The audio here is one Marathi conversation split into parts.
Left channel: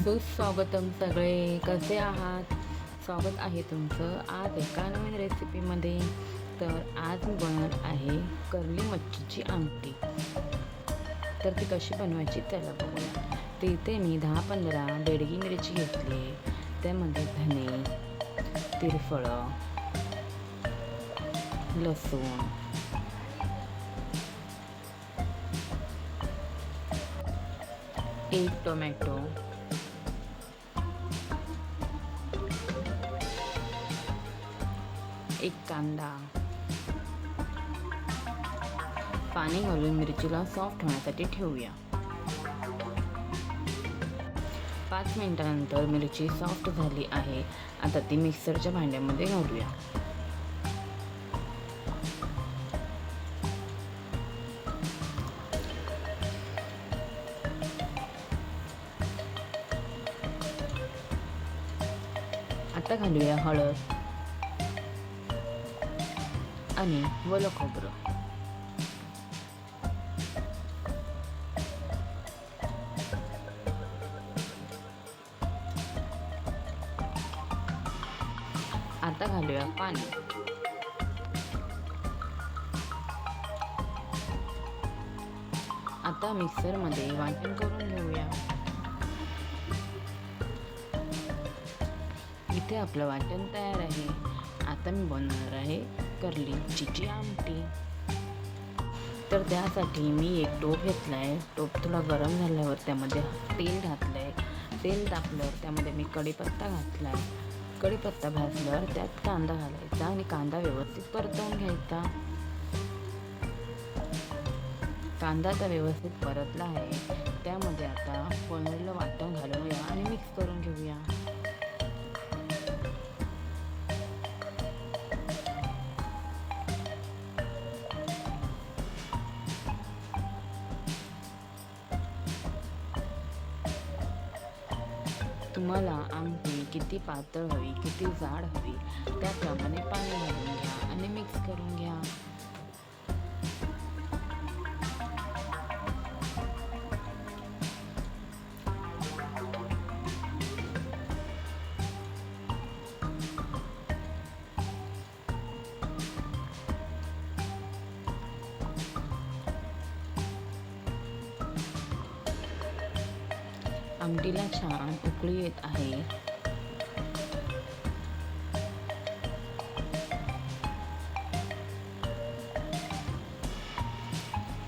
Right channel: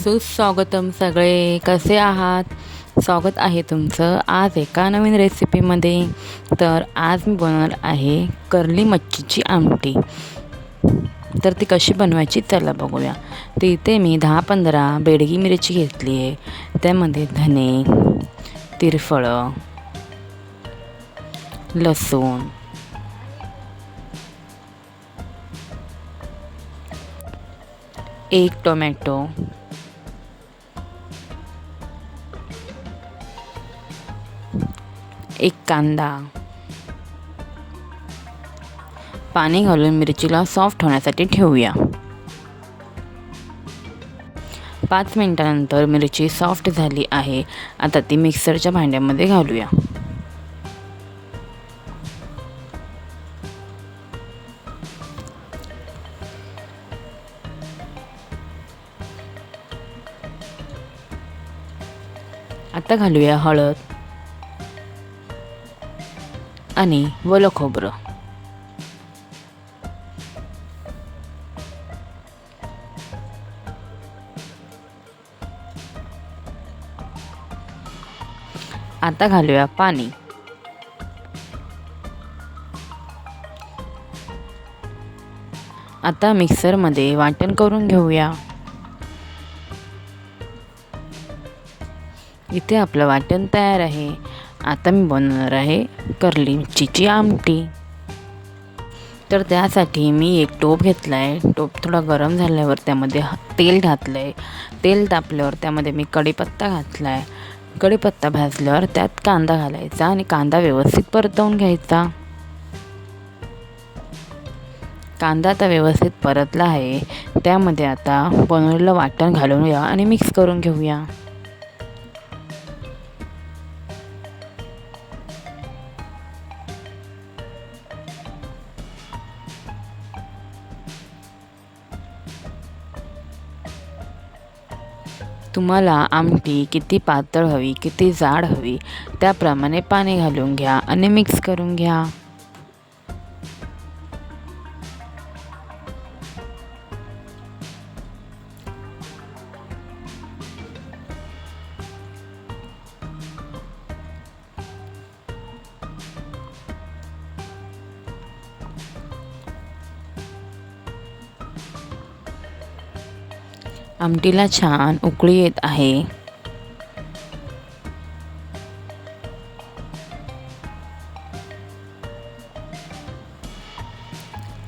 सुस्वागतम सगळे. कसे आहात? स्वागत आहे तुमचं आज एका नवीन रेसिपीमध्ये तर आज मी बनवणार आहे कर्ली मच्छीची आमटी. तर ती कशी बनवायची चला बघूया. तर इथे मी दहा पंधरा बेडगी मिरची घेतली आहे. त्यामध्ये धने तिरफळं लसूण एक टोमॅटो एक कांदा. पाणी घालून मिरचीला सॉफ्ट होण्यासाठी ठेवूया. पाच मिनिटानंतर मिरची सॉफ्ट झाली आहे. आता ती मिक्सरच्या भांड्यामध्ये घालूया. आता घालूया हळद. आणि वलं खोबरं आता घालूया पाणी. आता मिक्सरमध्ये वाटण करून घेऊया. इथे आपलं वाटण तयार आहे. आता मी बनवणार आहे कर्ली मिरचीची आमटी. तर त्यासाठी मी एक टोप घेतला आहे टोप थोडा गरम झाल्यावर त्यामध्ये तेल घातलं आहे तेल तापल्यावर त्यामध्ये मी कढीपत्ता घातला आहे कढीपत्ता भाजल्यावर त्यात कांदा घालायचा आणि कांदा व्यवस्थित परतवून घ्यायचा. कांदा आता व्यवस्थित परतला आहे. त्यामध्ये आता बनवलेलं वाटण घालून घ्या आणि मिक्स करून घेऊया. तुम्हाला आमटी किती पातळ हवी किती जाड हवी त्याप्रमाणे पाणी घालून घ्या आणि मिक्स करून घ्या. आमटीला छान उकळी येत आहे.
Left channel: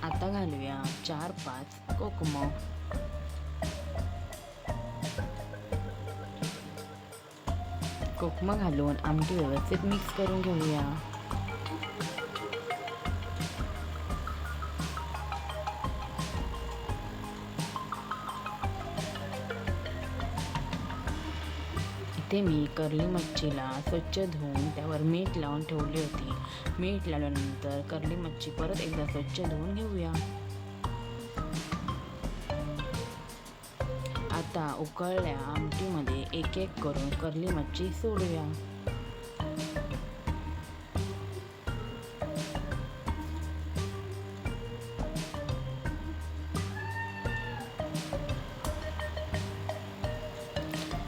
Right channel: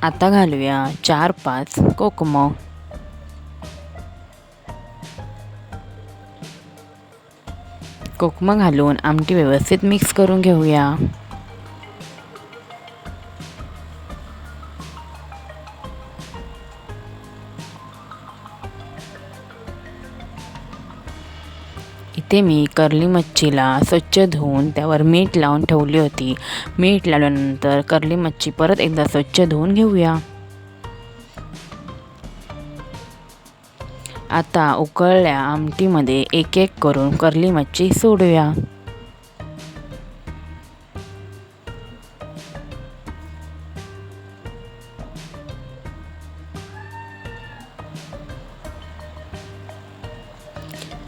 आता घालूया चार पाच कोकम. कोकम घालून आमटी व्यवस्थित मिक्स करून घेऊया. इथे मी कर्ली मच्छीला स्वच्छ धुवून त्यावर मीठ लावून ठेवली होती. मीठ लावल्यानंतर कर्ली मच्छी परत एकदा स्वच्छ धुवून घेऊया. आता उकळल्या आमटीमध्ये एक एक करून कर्ली मच्छी सोडूया.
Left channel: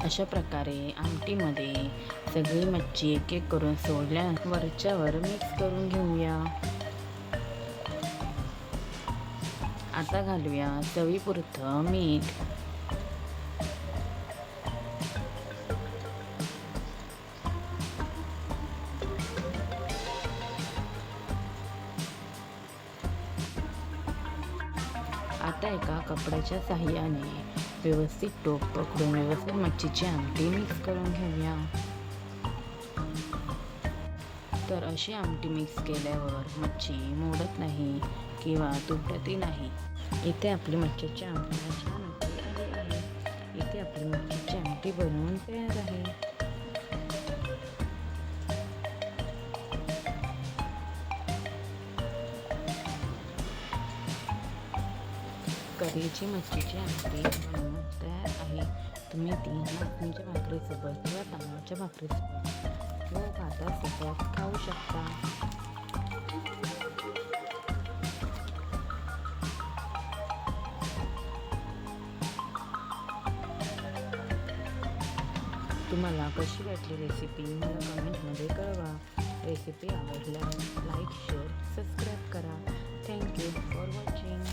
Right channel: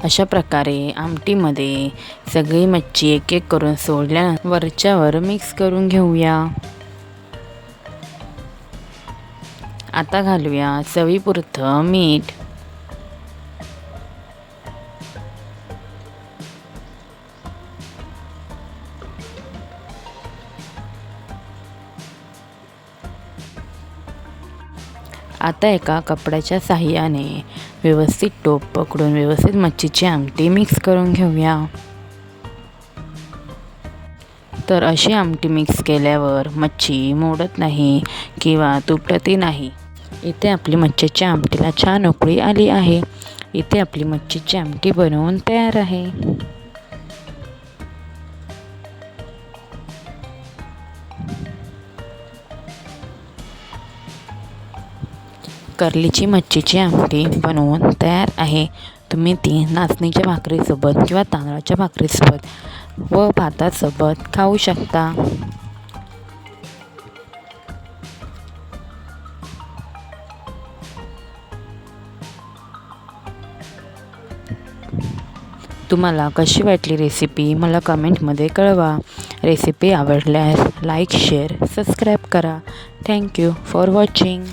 अशा प्रकारे आमटीमध्ये सगळी मच्छी एक एक करून सोडल्या वरच्यावर मिक्स करून घेऊया. आता घालूया चवीपुरतं मीठ. आता एका कपड्याच्या साह्याने व्यवस्थित टोप पकडून व्यवस्थित मच्छीची आमटी मिक्स करून घेऊया. तर अशी आमटी मिक्स केल्यावर मच्छी मोडत नाही किंवा तुटतही नाही. इथे आपली मच्छीच्या आमटीला छान उकळी आली आहे. इथे आपली मच्छीची आमटी बनवून तयार आहे. कर्लीची मच्छीची आमटी बनवून तयार आहे. तुम्ही ती नाचणीच्या भाकरीसोबत किंवा तांदळाच्या भाकरीसोबत व भातासोबत खाऊ शकता. तुम्हाला कशी वाटली रेसिपी मला कमेंटमध्ये कळवा. रेसिपी आवडल्यास लाईक शेअर सबस्क्राईब करा. Thank you for watching.